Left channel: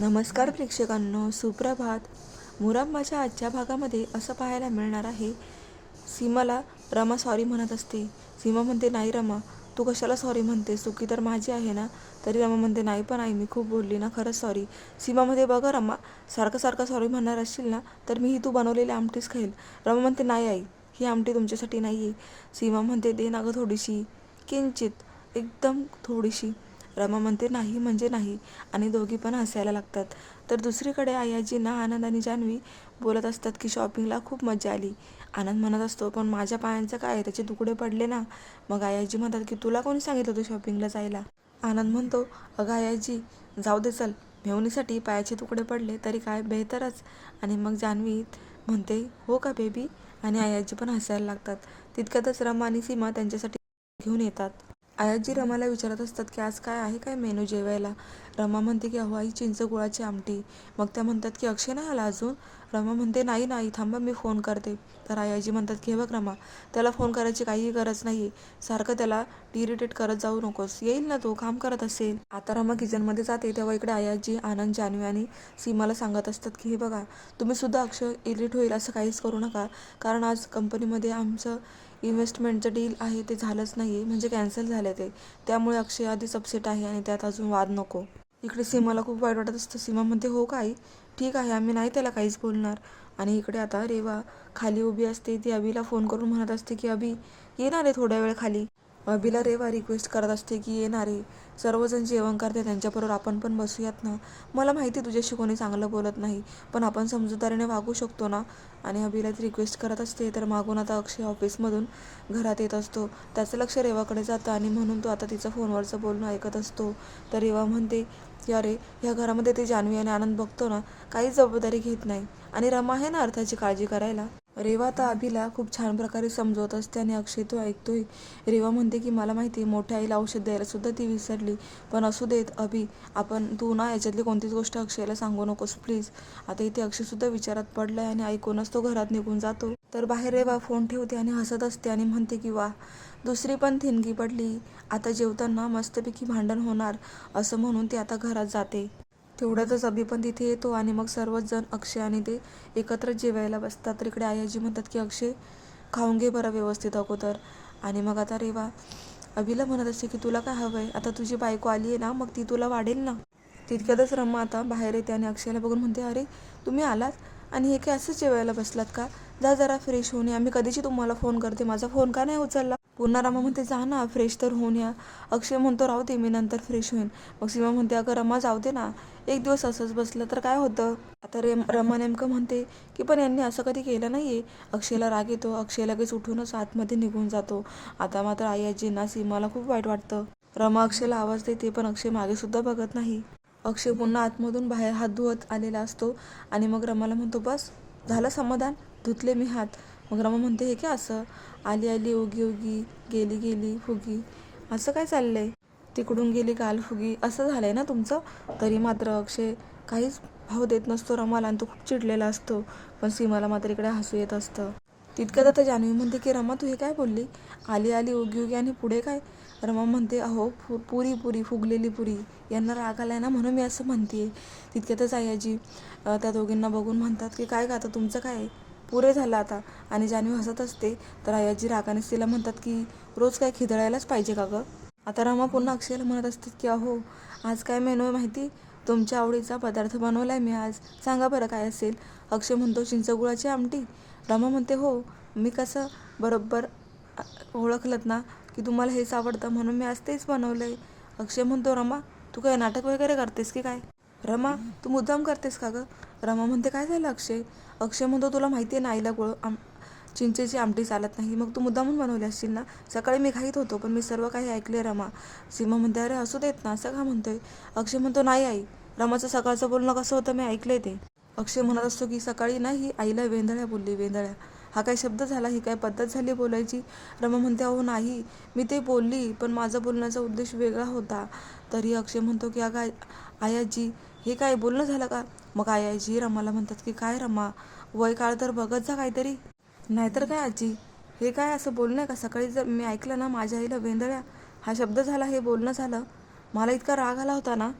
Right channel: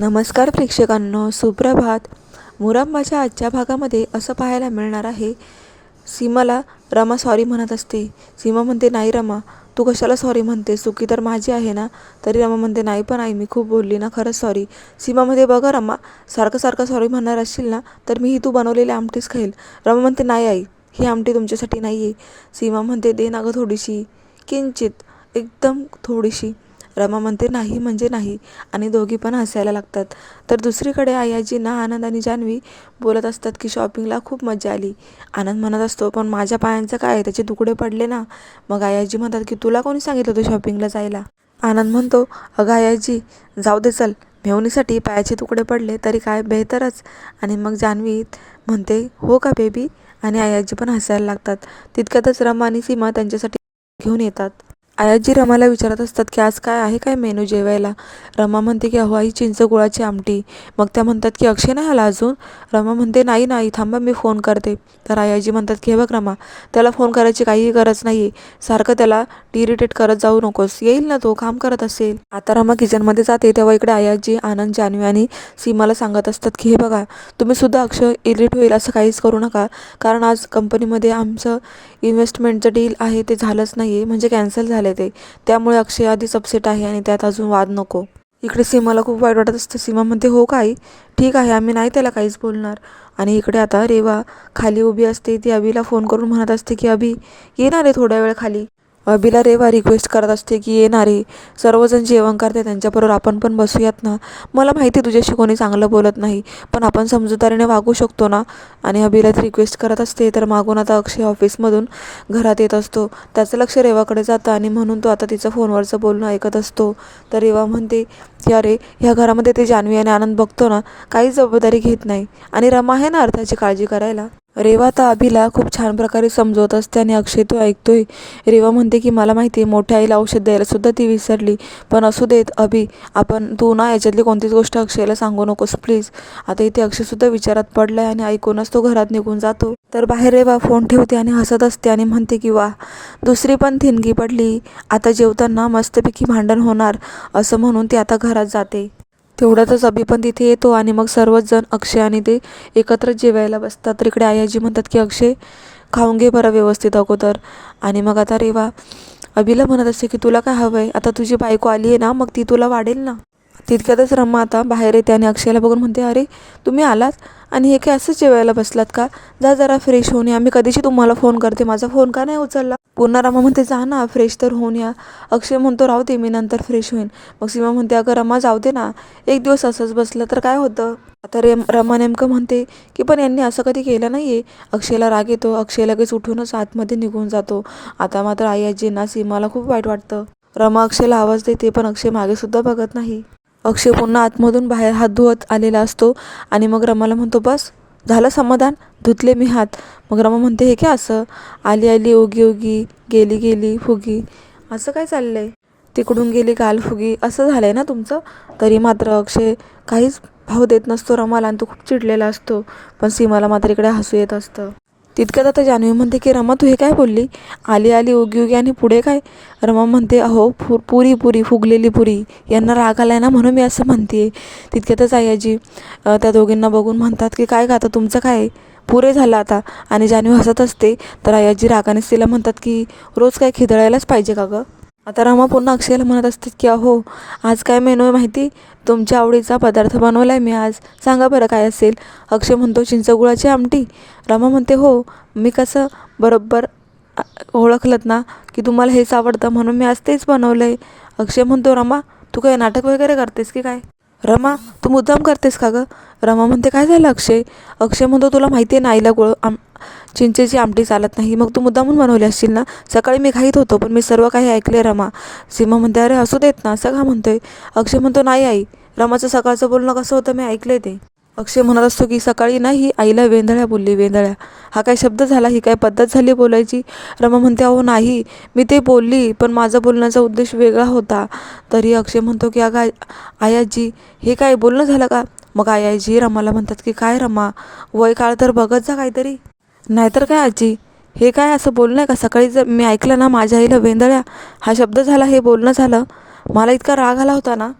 नमस्कार प्रेक्षकांनो सुप्रभात. मुरंबाच्या आजच्या भागामध्ये असं पाहायला मिळणार आहे सीमाला रमा सॉरी म्हणत असते. सीमा म्हणते नाही रमा तू कशाला सॉरी म्हणते? चुकी तर माझी आहे ना? तरी रमा म्हणते नाही पण आई मी खूप बोलली ना खरंच सॉरी सीमा म्हणते बघा रमा सारखं सारखं सॉरी म्हणणार असशील ना तर मी ही तू बनवलेली आमटीच खाईल. रमा म्हणते नाही आई ही आमटी तुमच्यासाठी नाही आहे सीमा म्हणते दे ना गं थोडीशी किंचित एकदम थोडीशी. रमा म्हणते नाही म्हणजे नाही. आणि दोघी पण हसायला लागतात. तर दुसरीकडे आयाजींना आनंद आणि जान्हवी बोलत असतात की शॉपिंगला खूप मजा आली. आनंद म्हणत असतो पण माझ्या पायांचं काय त्याचे तुकडे पडले ना. मग आयाजी म्हणतात की तुला कोणी सांगितलं होतं शॉपिंगला जायला? आनंद म्हणतो अगं आयाजी जाऊ दे चल. मेवणीसाठी पायाचे तुकडे पडले तरी काय बेहतरच. आणि मग जान्हवी म्हणते हो का बेबी? आणि आयाजी पण हसायला लागतात. तितक्यातच रमा आणि सीमा त्यांच्यासाठी घेऊन येतात. आयाजी रमाला विचारत असतात की आज काय आहे काय मेनू जेवायला? रमा म्हणते की अहो आई चिंच गुळाची आमटी. मग त्या म्हणतात की अक्षय नाही आला अजून? रमा म्हणते नाही नाही थांबा मी फोन करते. तर आयाजी म्हणतात की हे बघ रमा त्याला फोन करायची काहीही गरज नाही आहे सारखं त्याला इरिटेट करत जाऊ नकोस. येईल ना तो काम करत असेल. आता रमा किचनमध्ये जाते तेव्हा इकडे आयाजी आनंद जानवी आणि सीमाला सांगत असतात की हे बघा तुम्ही सुद्धा अक्षय इरिट होईल असं काहीच करू नका. कारण आज कंपनीमध्ये आमचं इन्व्हेस्टमेंटचं डील आहे ते झालंच नाही आहे म्हणजे कॅन्सल झालं ते. त्यामुळे अक्षय आधीच अपसेट आहे आणि त्यात अजून वाद नको. इकडे सीमाला खूप वाईट वाटत असतं. सीमा म्हणते हो काय ठीक आहे आम्ही नाही त्याला काहीच बोलणार. आणि इकडे आता रेवा खाली उभी असते. ती अभिला फोन करून म्हणत असते की अभि येणार आहे थोड्या वेळ खाली. अभिला रेवा रिक्वेस्ट करत असते की ये ना रे सर्वजण जेवण करते त्यांच्याबरोबर आपण पण बसूयात ना. मला माहिती तुझ्याशी कोणी चांगलं बोलत नाही पण आपण समजूतदारीने वागू शकतो ना. आणि अभिला ती रिक्वेस्ट करत असते तर मागून आता अक्षय ऑफिसमधून घरात येत असतो. त्याचं लक्ष रेवाकडे जातं आणि म्हणून तो आता तिचं फोनवरचं बोलणं ऐकत असतो. तर रेवा म्हणते की अरे ह्या घरामध्ये ते जान्हवी आणि आनंद बघतो ना काहीच जबाबदारी घेत नाही. आणि रमा आहे ना अर्थाची काळजी करायला? रेवा तर अभिला खूप छान प्रकारे समजवत असते आणि अक्षय तो ऐकतोय. रेवा म्हणते की मला माहिती आहे मोठ्या आईला औषध द्यायला सुद्धा ती विसरली. पण असू देत अभि आपण तू ना याच्यातली कोणतीच गोष्ट अक्षयला सांगू नकोस प्लीज. आता इथे अक्षयसुद्धा विचारात पडलाय आणि ऐकूनच तो घरात निघून जातो. तर बाहेर रेवा फोन ठेवते आणि हसत असते आणि म्हणते की वा दुसरी पण थिनगी पडली. आता जेवताना मस्तपैकी भांडण होणार असं म्हणून ती आता घरात जाते. तेवढ्यातच अभि पण तिथे येतो आणि मग सर्वच जण अक्षय आणि ते एकत्र जेवायला बसतात. तर इकडे आयाजी म्हणतात की अक्षय खाऊन घे बरं व्यवस्थित अगोदर. आणि मग आता रेवा अभिला म्हणत असते की तुला काय हवं आहे आता तुझी बायको आली आहे ना मग ती तुला वाढेल ना. तितक्यातच रमा आता बाहेर येते आणि अक्षयला बघून म्हणते अरे तुम्ही आलात? आणि हे काय असंच जेवायला बसलात का? जा जरा फ्रेश होऊन या. मी कधीची तुम्हाला फोन करते? माझा फोन का नाही उचलला? पुन्हा रमा म्हणते जा ना फ्रेश तर होऊन या. अक्षय म्हणतो राहते मी नंतर फ्रेश होईन. मग सीमा म्हणते अगं रमा जाऊ दे ना. एक दिवस असंच बसलं तर काय होतं? आता रेम रमा नेमकं म्हणते की पण यांनी असं कधी केलं नाही आहे अक्षयला राग येतो. अक्षय लगेच उठूनच आतमध्ये निघून जातो. आता मात्र आई आजींना सीमाला खूप वाईट वाटतं. रमा अक्षयला आवाज देते पण अक्षय मागे सुद्धा बघत नाही. अक्षय पुन्हा आतमधून बाहेर हात धुवत आलेला असतो. आणि मग रमाला म्हणतो बस झालं समाधान धुतले मी हात. मग रमा म्हणते हे काय असं? आली आली ओगी ओगी गेली गेली फुगी. असं काय चाललंय? तिकडून गेली गाल फुगी. असं झालं आहे ना तुमचं? तरी मात्र अक्षय काहीच भाव देत नसतो रमाला आणि तो खूप चिडलेला असतो. पण सीमाला मात्र इकडे हसू येत असतं. तितक्यात आता जान्हवी म्हणते की रमा तू हे काय बोलली? आली आली उगी उगी आणि पुढे काय? रमा म्हणते अहो फु पुरी पुरी फुगलेली पुरी. यांना राग आलाय ना म्हणून मी असं म्हणते तितक्यातच आयाजी त्या दोघींना बघून म्हणतात की काय का आता तुमचं काय पुरे झालं आता. आणि जान्हवी हसत असते. तर आयाजी रागानेच तिला म्हणतात की रोज काय खिदळायलाच पाहिजे का गं? आता रमा पुन्हा अक्षयला म्हणत असतात की अहो आज काय मेनू आहे माहिती? तुमच्या आवडीचा पदार्थ बनवला आहे मी आज. सांगा बरं काय असेल. अक्षय म्हणतो चिंचगुळाची आमटी. रमा म्हणते हो मी कसं बरोबर ओळखलत ना की तुम्हाला हेच आवडतं म्हणून मी आज तेच बनवलं आहे अक्षय म्हणतो रमा तू काय नाटक वगैरे करतेस की काय? रमा तू मुद्दाम करतेस का गं? रमा म्हणते काय झालं अक्षय? अक्षय म्हणतो तुला माहिती आहे ना आईला गुळ आम चिंचेची आमटी चालत नाही. मग तू मुद्दामून बनवली असशील ना? सकाळी मी घाईत होतो पण मी सर्व काही ऐकले रमा. सीमा म्हणते अरे असू देत ना असं का म्हणतोय. अक्षय म्हणतो नाही आई. रमाचं सकाळचं बोलणं कसं होतं मी ऐकले ते. अक्षय म्हणत असतो की सकाळी नाही आईला वेंधळ्या बोलली वेंधळ्या. हा काय शब्द झाला? ही काय पद्धत झाली बोलायची? रमा म्हणते अहो नाही. मी ते बोलली पण माझा बोलण्याचा उद्देश वेगळा होता. तरी अक्षय म्हणतो की अगं आयाजी हे काय बोलणं झालं का? मग आयाजी रमाला म्हणतात की काय रमा? वय काळ तर बघत जा काहीतरी. नाहीतर काय आजी? हे काय असं बोलणं आहे का सकाळी जर मी ऐकलं ना माझ्या आईला वेंदळ्या हा शब्द झाला हे बोलणं झालं मला इतका राग आला होता ना.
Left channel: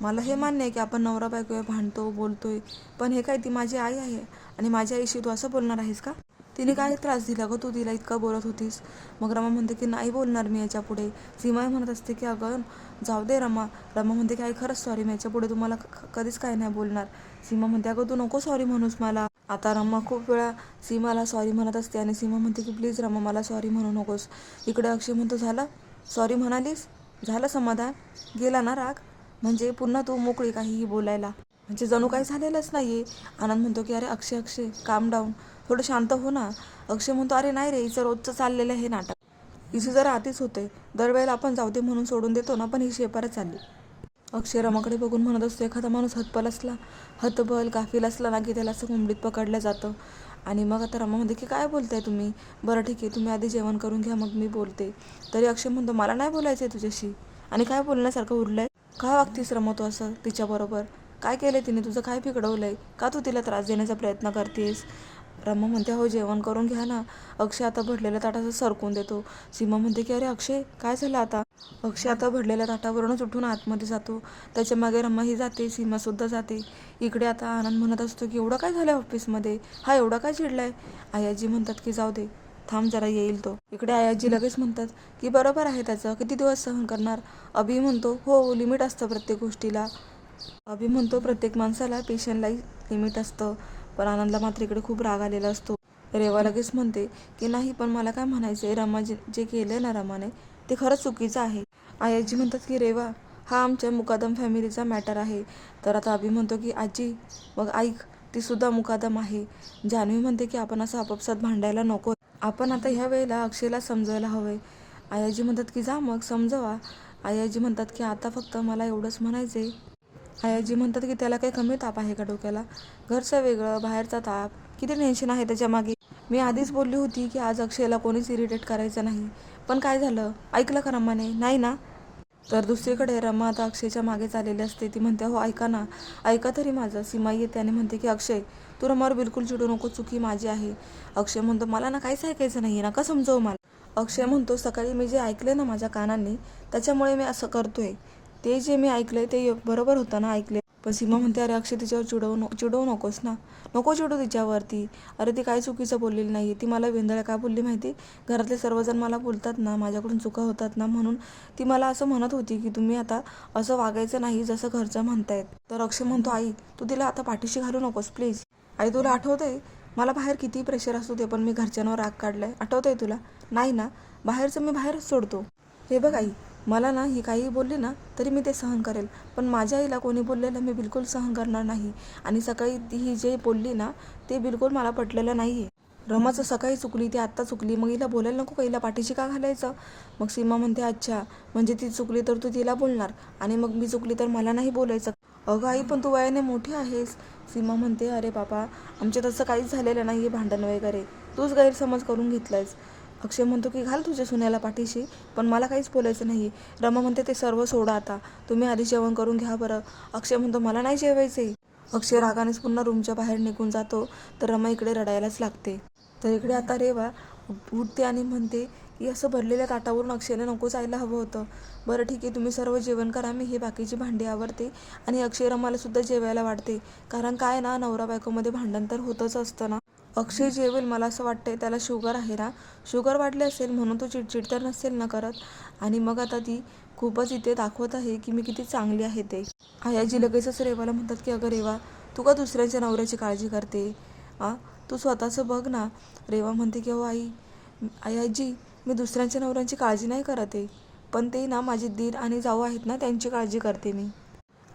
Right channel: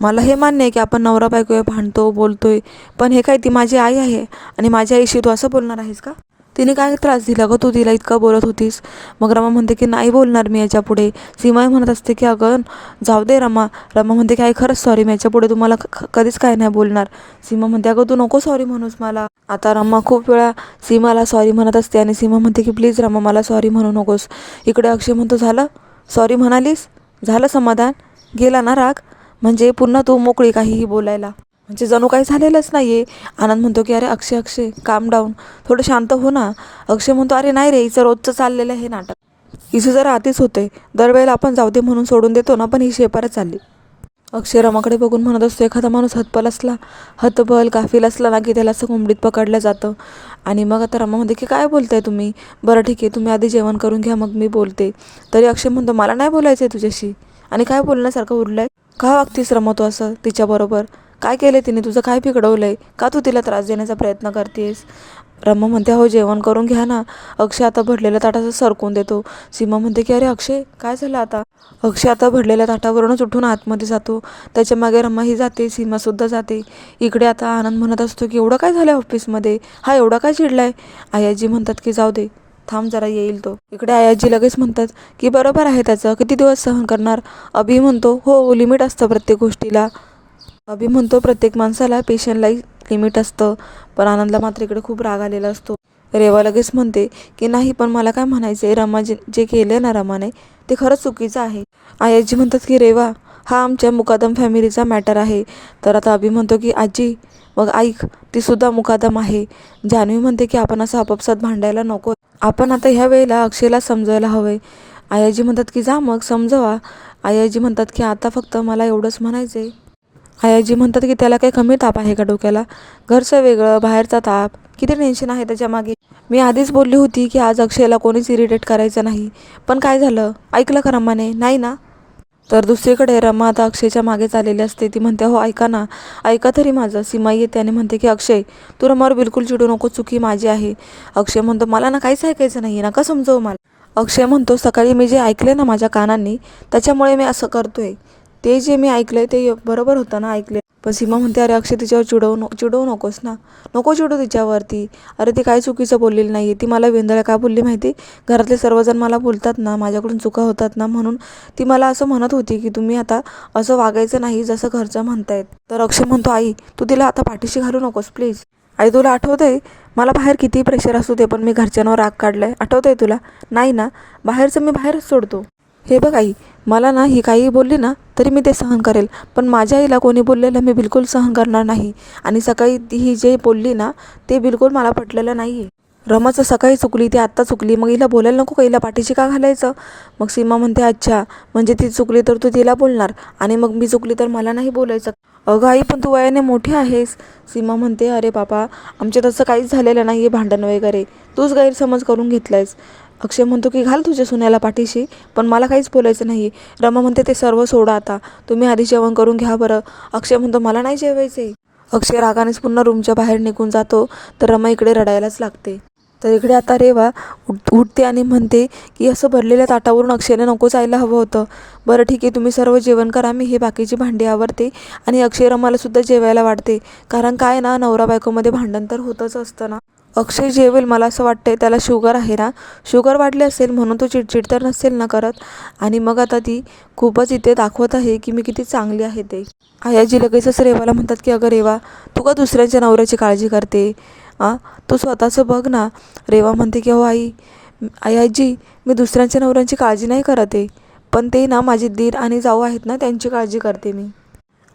मला हे मान्य आहे की आपण नवरा बायको आहे, भांडतो बोलतोय पण हे काय ती माझी आई आहे आणि माझ्या आईशी तू असं बोलणार आहेस का? तिने काय त्रास दिला ग? तू तिला इतका बोलत होतीस. मग रमा म्हणते की नाही बोलणार मी याच्यापुढे सीमाही सीमा म्हणत असते की अगं जाऊ दे रमा. रमा म्हणते की आई खरंच सॉरी मी याच्यापुढे तुम्हाला कधीच काय नाही बोलणार. सीमा म्हणते अगं तू नको सॉरी म्हणूस मला. आता रमा खूप वेळा सीमाला सॉरी म्हणत असते आणि सीमा म्हणते की प्लीज रमा मला सॉरी म्हणू नकोस. इकडे अक्षय म्हणतो झालं? सॉरी म्हणालीस? झालं समाधान? गेला ना राग? म्हणजे पुन्हा तू मोकळी काहीही बोलायला. म्हणजे जणू काही झालेलंच नाही आहे आनंद म्हणतो की अरे अक्षय अक्षय काम डाऊन थोडं शांत हो ना. अक्षय म्हणतो अरे नाही रे हिचं रोजचं चाललेलं हे नाटक. हिचं जरा आधीच होते दरवेळेला आपण जाऊ दे म्हणून सोडून देतो ना पण ही शेपारच चालली. अक्षय रमाकडे बघून म्हणत असतो एखादा माणूस हतबल असला हतबल गाफील असला ना की त्याला असं कोंबडीत पकडलं जातं. आणि मग आता रमा म्हणते की काय बोलताय तुम्ही? बरं ठीक आहे तुम्ही आधी जेवण करून घ्या मग मी बोलते. तरी अक्षय म्हणतो मला नाही बोलायचं आहे तुझ्याशी. आणि काय बोलण्यासारखं आहे का वागतीस रमतो असं तिच्याबरोबर? काय केलं तिने? तुझं काय बिघडवलंय का तू तिला त्रास देण्याचा प्रयत्न करतेस? रम्मा म्हणते हो जेवण करून घ्या ना. अक्षय आता भरलेल्या ताटाचं सरकून देतो. सीमा म्हणते की अरे अक्षय काय झालं आता? अक्षय आता भरलेल्या ताटावरूनच उठून आतमध्ये जातो. त्याच्यामागे रम्मा ही जाते सीमासुद्धा जाते. इकडे आता आनंद म्हणत असतो की एवढं काय झालं ऑफिसमध्ये? हा एवढा काय चिडलाय? आयाजी म्हणतात की जाऊ दे थांब जरा येईल तो. इकडे आयाजी लगेच म्हणतात की बरोबर आहे त्याचं किती दिवस सहन करणार? अभि म्हणतो हो लिमिट असतं प्रत्येक गोष्टीला. अभि म्हणतो प्रत्येक माणसाला पेशंटला लिमिट असतं पण आनंदला मात्र इकडे खूप राग आलेला असतो. रेवा लगेच म्हणते की नाही पण मला काय म्हणायचं आहे रमा जे जे केलं ना रमाने ते खरंच चुकीचं आहे. आयाजी म्हणतात की रेवा हा आमच्या मुकादम फॅमिलीचा मॅटर आहे. तर आता अभि म्हणतो की आजी मग ऐक ती सुद्धा मुकादम आहे. जान्हवी म्हणते की आपण असं आपापसात भांडायला नको. आपण आता ह्या वेळेला अक्षयला समजायला हवंय. आयाजी म्हणतात की जा मग समजवा. आयाजी म्हणतात की आता फक्त मला एवढंच म्हणायचं आहे आयाजी म्हणतात की त्याला काही कमी ताप आहे का डोक्याला? घरचं वेगळं बाहेरचा ताप. किती टेन्शन आहे त्याच्यामागे मी आधीच बोलली होती की आज अक्षयला कोणीच इरिटेट करायचं नाही. पण काय झालं? ऐकलं का रमाने नाही ना? तर दुसरीकडे रमा आता अक्षयच्या मागे चाललेली असते. ती म्हणते हो ऐका ना. ऐका तरी माझं. सीमा येते आणि म्हणते की अक्षय तू रमावर बिलकुल चिडू नको. चुकी माझी आहे. अक्षय म्हणतो मला ना काहीच ऐकायचं नाही नका समजव मला. अक्षय म्हणतो सकाळी मी जे ऐकले ना माझ्या कानांनी त्याच्यामुळे मी असं करतोय. ते जे मी ऐकलंय ते बरोबर होतं ना ऐकले. पण सीमा म्हणते अरे अक्षय तिच्यावर चिडवू नको चिडवू नकोस ना. नको चिडू तिच्यावरती. अरे ती काय चुकीचं बोललेली नाही ती मला वेंदळ्या का बोलली माहिती? घरातले सर्वजण मला बोलतात ना माझ्याकडून चुका होतात ना म्हणून ती मला असं म्हणत होती की तुम्ही आता असं वागायचं नाही जसं घरचं म्हणतायत. तर अक्षय म्हणतो आई तू तिला आता पाठीशी घालू नकोस प्लीज. आई तुला आठवतंय मला बाहेर किती प्रेशर असू दे पण मी घरच्यांवर राग काढलाय. आठवतंय तुला? नाही ना बाहेरचं मी बाहेरच सोडतो. हे बघ आई मला ना ही काही बोलली ना तरी मी ते सहन करेल. पण माझ्या आईला कोणी बोललेलं मी बिलकुल सहन करणार नाही. आणि सकाळी ती ही जे बोलली ना ते बिलकुल मला पटलेलं नाही आहे रमाचं सकाळी चुकली ती आत्ता चुकली. मग हिला बोलायला नको का? हिला पाठीशी का घालायचं? मग सीमा म्हणते अच्छा म्हणजे ती चुकली तर तू तिला बोलणार. आणि मग मी चुकली तर मला नाही बोलायचं. अगं आई पण तू वयाने मोठी आहेस. सीमा म्हणते अरे बाबा आमच्या तसं काहीच झालेलं नाही आहे भांडण वगैरे. तूच गैरसमज करून घेतलायस. अक्षय म्हणतो की घाल तुझ्या सुन्याला पाठीशी. पण मला काहीच बोलायचं नाही. रमा म्हणते ते सर्व सोडा आता. तुम्ही आधी जेवण करून घ्या बरं. अक्षय म्हणतो मला नाही जेवायचं अक्षय रागानेच पुन्हा रूमच्या बाहेर निघून जातो. तर रमा इकडे रडायलाच लागते. तर इकडे आता रेवा उठ उठते आणि म्हणते की असं भरलेल्या ताटावरून अक्षयने नको जायला हवं होतं. बरं ठीक आहे. तुम्ही सर्व जेवण करा. मी हे बाकीची भांडी आवरते आणि अक्षय रमालासुद्धा जेवायला वाढते. कारण काय ना नवरा बायकोमध्ये भांडण तर होतंच असतं ना. अक्षय जेवेल मला असं वाटतंय त्याला शुगर आहे ना. शुगर वाढली असेल म्हणून तो चिडचिड तर नसेल ना करत. आणि मग आता ती खूपच इथे दाखवत आहे की मी किती चांगली आहे ते. आयाजी लगेचच रेवाला म्हणतात की अगं रेवा तू का दुसऱ्यांच्या नवऱ्याची काळजी करते? आ? तू स्वतःचं बघ ना. रेवा म्हणते की हो आई आयाजी मी दुसऱ्यांच्या नवऱ्यांची काळजी नाही करत. आहे पण ते ना माझे दीर आणि जाऊ आहेत ना त्यांची काळजी करते मी.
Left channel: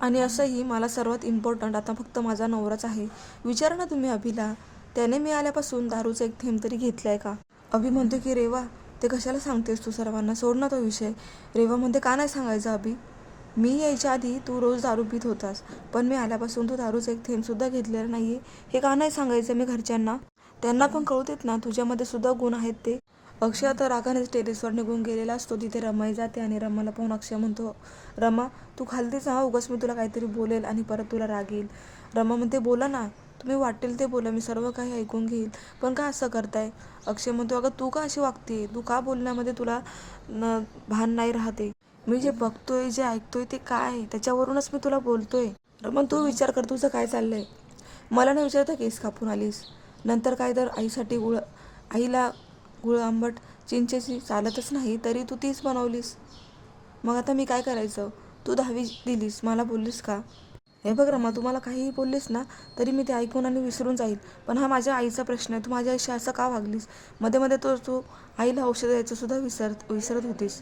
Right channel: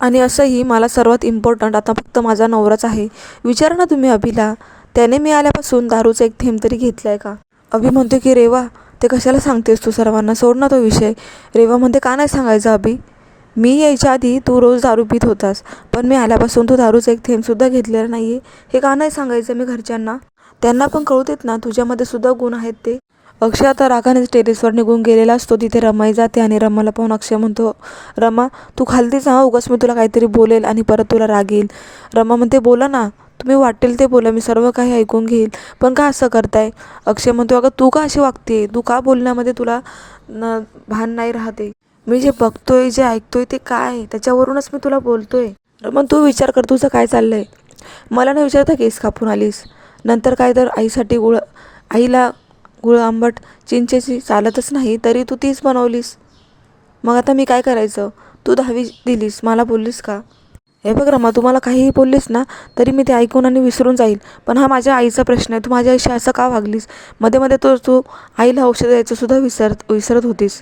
आणि असंही मला सर्वात इम्पॉर्टंट आता फक्त माझा नवराच आहे. विचारा ना तुम्ही अभिला. त्याने मी आल्यापासून दारूचा एक थेंब तरी घेतला आहे का? अभि म्हणतो की रेवा ते कशाला सांगतेस तू सर्वांना? सोड ना तो विषय. रेवा म्हणते का नाही सांगायचं अभि? मी यायच्या आधी तू रोज दारू पित होतास पण मी आल्यापासून तू दारूचा एक थेंबसुद्धा घेतलेला नाही आहे हे का नाही सांगायचं मी घरच्यांना? त्यांना पण कळू देत ना तुझ्यामध्ये सुद्धा गुण आहेत ते. अक्षय आता रागाने टेरेसवर निघून गेलेला असतो. तिथे रमाई जाते आणि रमाला पाहून अक्षय म्हणतो रमा तू खालतीच हा उगाच मी तुला काहीतरी बोलेल आणि परत तुला रागेल रमा म्हणते बोला ना तुम्ही वाटेल ते बोला मी सर्व काही ऐकून घेईल. पण का असं करताय? अक्षय म्हणतो अगं तू का अशी वागते? तू का बोलण्यामध्ये तुला न भान नाही राहते? मी जे बघतोय जे ऐकतोय ते काय? आहे त्याच्यावरूनच मी तुला बोलतोय. रमन तू विचार कर तुझं काय चाललंय? मला न विचारता केस कापून आलीस. नंतर काय तर आईसाठी गुळ आईला गुळ आंबट चिंचेची चालतच नाही तरी तू तीच बनवलीस. मग आता मी काय करायचं? तू दहावी दिलीस मला बोललीस का? हे बघ रमा तू मला काहीही बोललीस ना तरी मी ते ऐकून आणि विसरून जाईल. पण हा माझ्या आईचा प्रश्न आहे. तू माझ्या आईशी असं का वागलीस? मध्ये मध्ये तो तू आईला औषध द्यायचंसुद्धा विसरत विसरत होतीस.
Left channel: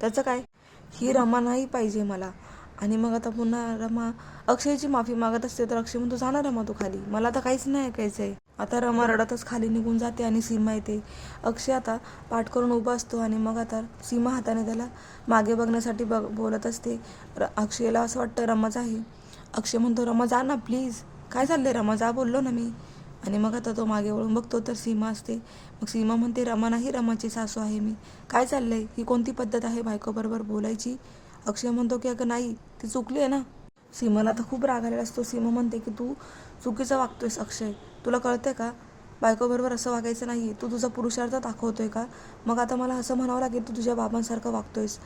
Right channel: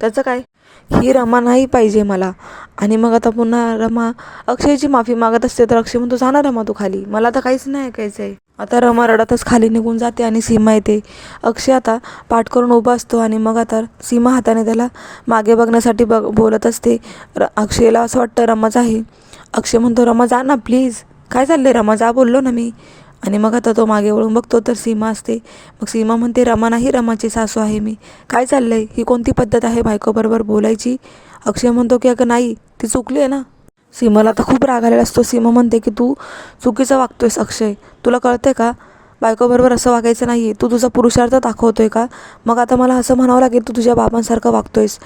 त्याचं काय? ही रमा नाही पाहिजे मला. आणि मग आता पुन्हा रमा अक्षयची माफी मागत असते तर अक्षय म्हणतो जाणार रमा तू खाली. मला आता काहीच नाही ऐकायचं आहे आता रमा रडतच खाली निघून जाते आणि सीमा येते. अक्षय आता पाठ करून उभा असतो आणि मग आता सीमा हाताने त्याला मागे बघण्यासाठी बघ बोलत असते. र अक्षयला असं वाटतं रमाच आहे अक्षय म्हणतो रमा जा ना प्लीज काय चाललंय रमा? जा बोललो ना मी. आणि मग आता तो मागे वळून बघतो तर सीमा असते. मग सीमा म्हणते रमा नाही रमाची सासू आहे मी. काय चाललंय? ही कोणती पद्धत आहे बायकोबरोबर बोलायची? अक्षय म्हणतो की अगं नाही ती चुकली आहे ना. सीमाला आता खूप राग आलेला असतो. सीमा म्हणते की तू चुकीचं वागतोयस अक्षय. तुला कळतंय का? बायकोबरोबर असं वागायचं नाही आहे तू तुझा पुरुषार्थ दाखवतोय का? मग आता मला असं म्हणावं लागेल तू तुझ्या बाबांसारखं वागतोयस.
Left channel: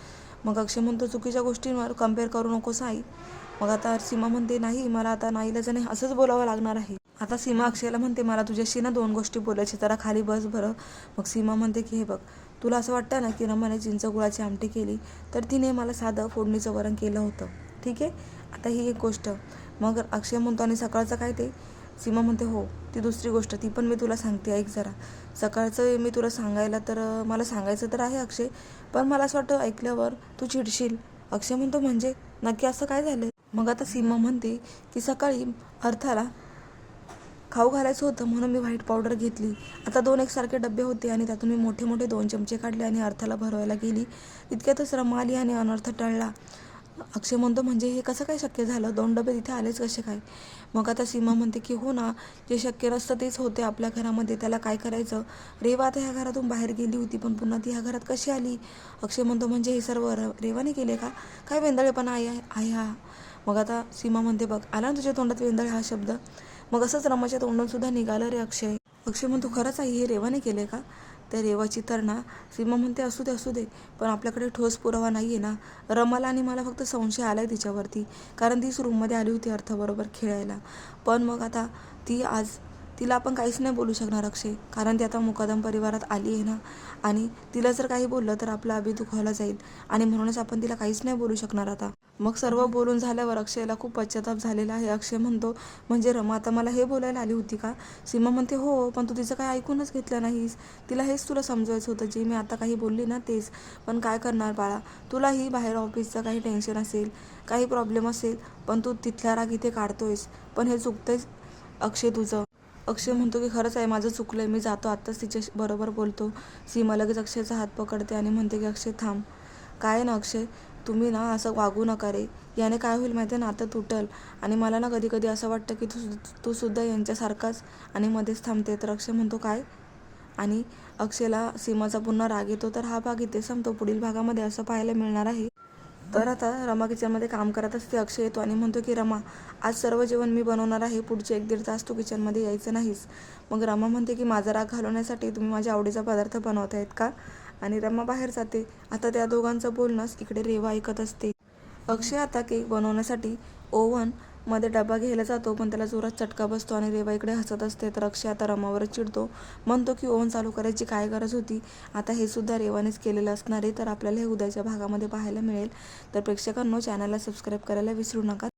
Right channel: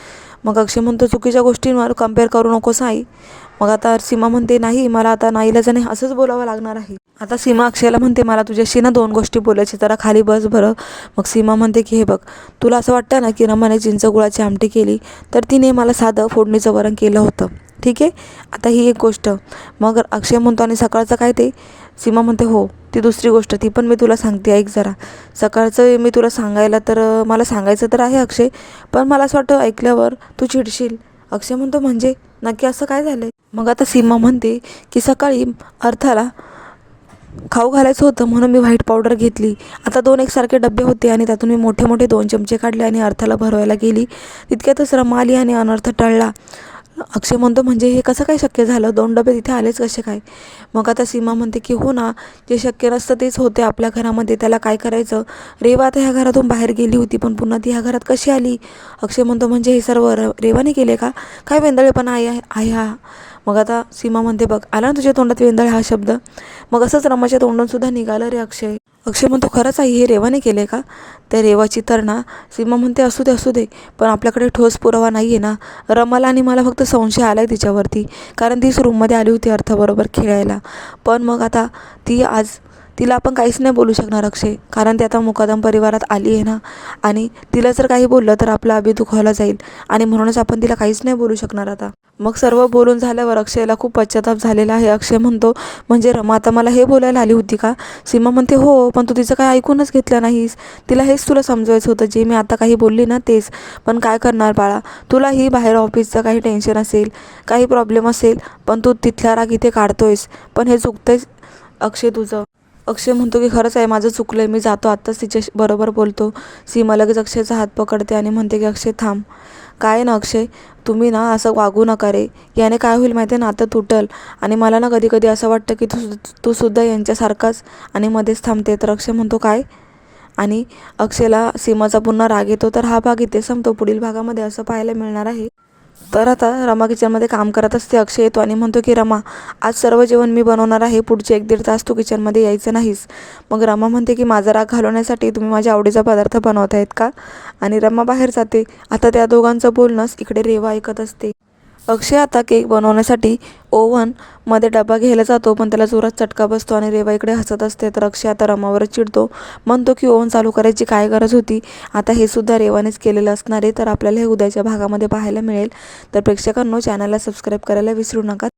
मग अक्षय म्हणतो चुकीच्या गोष्टींवर कंपेअर करू नकोस आई. मग आता सीमा म्हणते नाही मला आता नाईलाजाने असंच बोलावं लागणार आहे. आता सीमा अक्षयला म्हणते मला तुझ्याशी ना दोन गोष्टी बोलायची जरा खाली बस बरं. मग सीमा म्हणते की हे बघ तुला असं वाटतं ना की रमाने चिंचगुळाची आमटी केली तर तिने मला साधं फोडणीचं वरण केलं होतं. ठीक आहे? आता ही एक गोष्ट. मग अक्षय म्हणतो आणि सकाळचं काय ते? सीमा म्हणते हो ती दुसरी गोष्ट ती पण मी तुला सांगते ऐक जरा. सकाळचं मी तुला सांगायला तर मला सांगायचं तर आहे अक्षय पण मला असं वाटतं ऐकल्यावर तू चिडशील. अक्षय म्हणतो म्हणजे? नक्की असं काय झालं मग आता सीमा म्हणते की सकाळी अर्थाला खाऊ घालायचं होतं म्हणून मी व्हाईट पावडर घेतली. आता दोन एकसारखे डबे होते आणि त्यातून मी मोठे मोठे दोन चमचे काढले आणि अर्थाला भरवायला गेली. तितक्यातच रमा आली आणि अनर्थ टळला. अक्षय म्हणतो म्हणजे हे कसं काय शक्य झालं? दोन डबे तिथे आलेच कसे काय? मग आता सीमा म्हणते की हो ना जे शक्य नसतं तेच होते आपल्या घरामध्ये. त्याला काय करायचं? रेवा आता ह्या घरातून बाहेर गेली होती पण पुन्हा ती ह्या घरात कशी आली? अक्षय म्हणतो म्हणजे हे सर्व र रेवाने केले का? काय वेंदळेपणा आहे आहे हा? मग आता सीमा म्हणते बघ आला ना तुझ्या तोंडात वेंदळ हा शब्द? मग असंच रमाच्या तोंडून सुद्धा निघालं रे अक्षय. अक्षय म्हणतो खरंच आई हे रेवाने केले का? त्या रेवाची तर ना. सीमा म्हणते असू दे असू दे पण आपल्याकडे ठोस पुरावा नाही आहे ना. रमाला आणि मला फक्त संशय आला आहे तिच्यावरती कारण तीच रूममध्ये आली होती अर्थाबरोबर खेळायला. पण मग आता ती आज तिला आपण काहीच नाही बोलू शकणार अक्षय. कारण ती आता मुकादम परिवारात आली आहे ना. आणि तिला जर काही बोललं तर आपलं अभि दुखावला जाईल. आणि म्हणूनच आपण तिला काहीच नाही बोलू शकणार आता. मग सर्व बोलून झाल्यावर अक्षयला खूप पश्चाताप झालेला आहे. अक्षय म्हणतो म्हणजे रमा आता मला हे बोलायला आली होती का? सीमा म्हणते हो पण तू तिचं काय ऐकूनच घेतलं नाहीस. तिला हेच तुला समजवायचं होतं जे मी आता काही बोलली ना तेच. पण काय करणार बाळा? तुलाही बाहेर ऑफिसचं काही टेन्शन असेल काही प्रॉब्लेम असेल पण तू तिथला राग इथे काढतोयस. पण हे चुकतंयच अक्षय तुझं. अक्षय म्हणतो की खरंच आहे माझं चुकलं आहे मी जातो आत्ताच तिच्या बरोबर बोलतो. सीमा लगेच अक्षयचा हात पकडते आणि म्हणते की अक्षय थांब. काय ना अक्षय तुम्ही ना असं वागू नका रे. याने काय होईल माहिती आहे नातं तुटल. आणि मला ना कधी कधी असं वाटतं की तू तू सुद्धा यांच्यासारखाच आणि मध्येच थांबते. तर अक्षय म्हणतो काय? आणि अक्षयला सीमाचा पुन्हा राग येतो. तर हा भाग इथे संपतो. पुढील भागामध्ये असं पाहायला मिळणार आहे. तर आता रमा किचनमध्ये काम करत असते अक्षय येतो आणि म्हणतो की रमा आज सर्व जेवण मी बनवणार आहे. पुढचे एक दीड तास तू किचनमध्ये यायचं नाहीस. मग रमा म्हणते की माझा राग घालवण्यासाठी तुम्ही माझ्या आवडीचा पदार्थ बनवत आहेत का? आणि रमा बाहेर जाते. आता त्या दोघांचं बोलणंच इकडे रेवा ऐकत असते. अक्षय आता केक बनवण्यासाठी ओव्हनमध्ये डबा घ्यायला जातो पण त्याला जोरात चटका बसतो आणि रेवा इकडे हसत असते. तर अक्षय आता रमावरच चिडतो. म्हणतो की ओव्हन चालू करायची काय गरज होती? आता हे सुद्धा रेवानेच केलेलं असणार आहे. तर आपल्याला हे उद्याच्या भागामध्ये पाहायला मिळेल. तर प्रेक्षकांनो चॅनलला सबस्क्राईब करायला विसरू नका.